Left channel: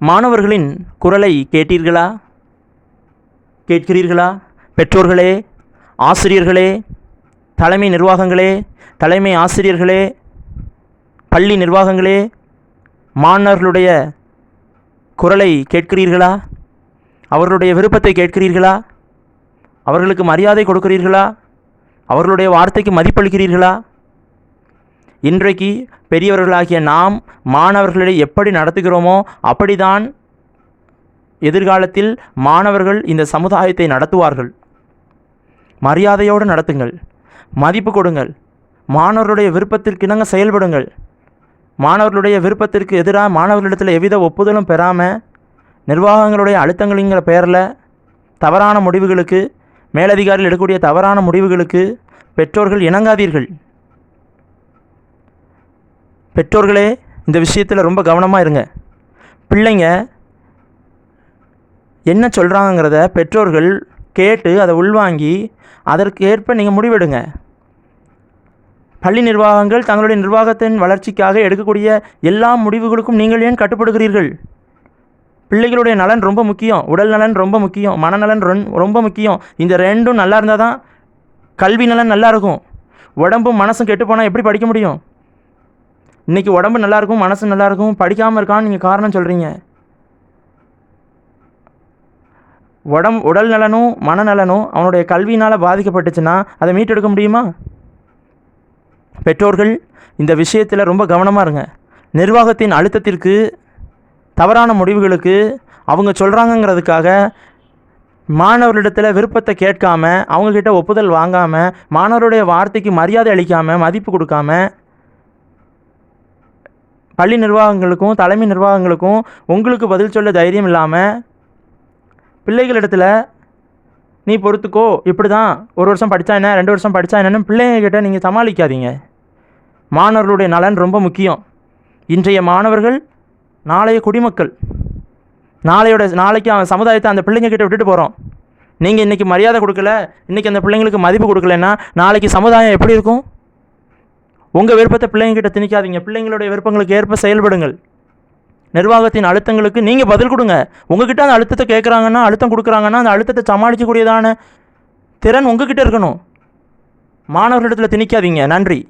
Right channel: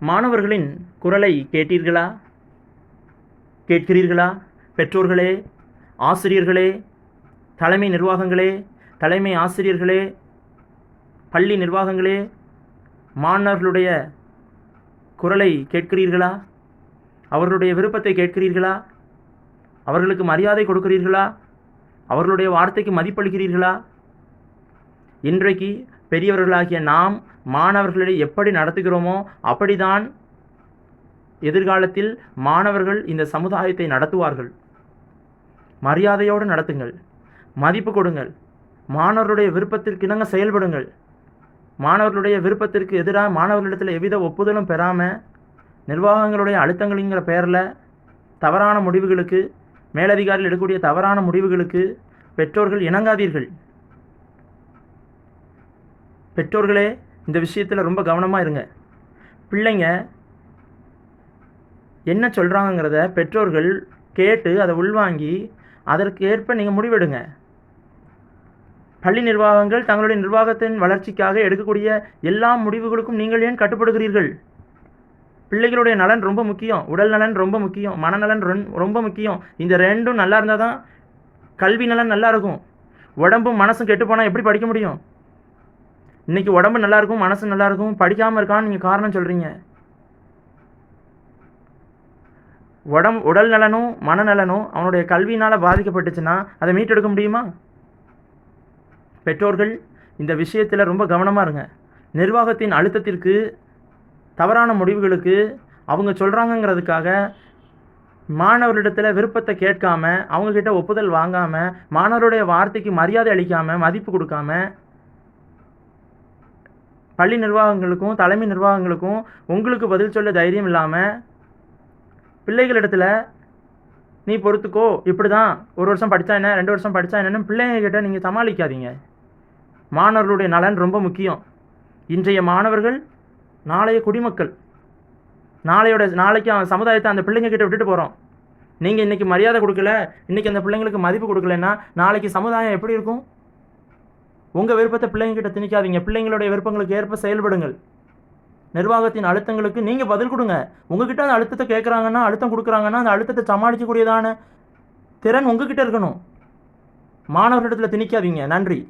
மாணவர்களின் குரலை கேட்டீர்களா? கேட்கிறீர்களா? பெற்றோர்களே ஆசிரியர்களே தலைமை நிர்வாகங்களே தலைமை ஆசிரியர்களே பள்ளி நிர்வாகங்களே மாணவர்களுடைய குரலை கேட்கிறீர்களா? அவர்களுடைய விருப்பத்தை கேட்கிறீர்களா? அவர்களுக்கு மரியாதை கொடுக்கிறீர்களா? அவர்களுடைய வார்த்தைக்கு மதிப்பளிக்கிறீர்களா? இன்றைக்கு பெரியவர்களாகிய நாம் மாணவர்களை எப்படி நடத்துகிறோமோ அப்படிதான் எதிர்காலத்தில் மாணவர்கள் இந்த சமுதாயத்தை நடத்துவார்கள். மரியாதையோடு நடத்துங்கள். மதிப்பு கொடுங்கள். மாணவர்களுடைய விருப்பத்திற்கு இணங்க செயல்படுங்கள். மாணவர்களுடைய விருப்பத்திற்கு எதிராக மாணவர்களிடத்தில் எவ்வித ஒப்புதலும் பெறாமல் நிர்வாகங்களுடைய அழுத்தங்கள்ங்கிற பெயரில் தவறான முடிவுகளுக்கு மேலதிகாரிகள் எடுக்கக்கூடிய தவறான முடிவுகளுக்கு பெற்றோர்கள் இணங்காதீர்கள். பெற்றோர்களே இந்த விஷயத்தில் ரொம்ப கவனமாக இருங்க. பிள்ளைங்க என்ன சொல்கிறாங்கங்கிறத பெற்றோர்கள் கேட்டு அதை உள்வாங்கி அதற்கு ஏற்ப நீங்கள் முடிவெடுங்க. பள்ளி நிர்வாகங்கள் தங்களுடைய நிர்வாகத்தின் வளர்ச்சிக்காக எடுக்கக்கூடிய எல்லா முடிவுகளுக்கும் நீங்கள் ஏன் கட்டுப்படுகிறீர்கள்? பிள்ளைகளுடைய நலன் ரொம்ப முக்கியம் உடல் நலன் ரொம்ப முக்கியம் மனநலன் ரொம்ப முக்கியம். இந்த ரெண்டும் நல்லா இருந்தால் தான் கல்வி நலன் நல்லா இருக்கும். உடம்பும் மனசும் கெட்டு போனால் எப்படி படிக்க முடியும்? இன்றைக்கி உடம்பு நல்லா இருக்கும் மனசு நல்லா இருக்கும் படிக்காமல் இருக்கான்னு நீங்கள் காரணம் சொல்கிறீங்க உடம் உடல் நலனும் மனநலனும் அவனுடைய கல்வியினால் பாதிக்கப்பட்டுச்சுன்னா அதை மீட்டெடுக்க முடியுமா? பெற்றோர்கள் இந்த விஷயத்தில் ரொம்ப கவனமாக இருங்க. நிர்வாகத்தின் அழுத்தத்திற்கு தவறான முடிவுகளுக்கு அவங்க சொல்கிறாங்கங்கிறதுக்காக மாணவர்களிடத்தில் விருப்பத்தை கேட்காம அவங்கக்கிட்ட ஒப்புதல் வாங்காமல் மாணவருடைய வார்த்தைக்கு மரியாதை அளிக்காமல் மதிப்பு கொடுக்காம பள்ளி நிர்வாகங்களுக்கும் தலைமை நிர்வாகங்களுக்கும் உங்களுக்கு பதில் சொல்ல தைரியம் இல்லாமல் பிள்ளைகளிடத்தில் நீ பொறுத்துக்கோ இப்படி தான் ஒரு வருஷம் படித்தா என்ன ரெண்டு வருஷம் படித்தா என்னன்னு பிள்ளைங்க நீங்கள் சமாளிக்காதீங்க. மாணவர்களுடைய நலன் ரொம்ப முக்கியம். இன்றைய மாணவர்கள் நாளைய குடிமக்கள். நாளையோட நாளைக்கு அவன் சமுதாயத்தை அந்த பிள்ளைங்கக்கிட்ட விட்டுட்டு போகிறோம் நீங்கள் இன்றைக்கி மரியாதை கொடுக்கல இன்றைக்கி அந்த பிள்ளைங்களுக்கு மதிப்பு கொடுக்கலன்னா நாளைக்கு சமுதாயம் எப்படி இருக்கும்? உங்கள் விருப்பத்தை பிள்ளைங்ககிட்ட திணிக்காதீங்க. பிள்ளைங்களுடைய விருப்பங்களுக்கு ஏற்ப செயல்படுங்கள். நிர்வாகத்தின் அழுத்தங்களுக்கு நீங்கள் பதில் கொடுங்க. உங்ககிட்ட அந்த அழுத்தத்தை கேட்குறாங்கன்னா அழுத்தம் கொடுக்குறாங்கன்னா அந்த அழுத்தத்தை சமாளிக்கக்கூடியதான திறன் உங்ககிட்ட இருக்கணும். மாணவர்களிடத்தில் திணிக்காதீங்க. நன்றி.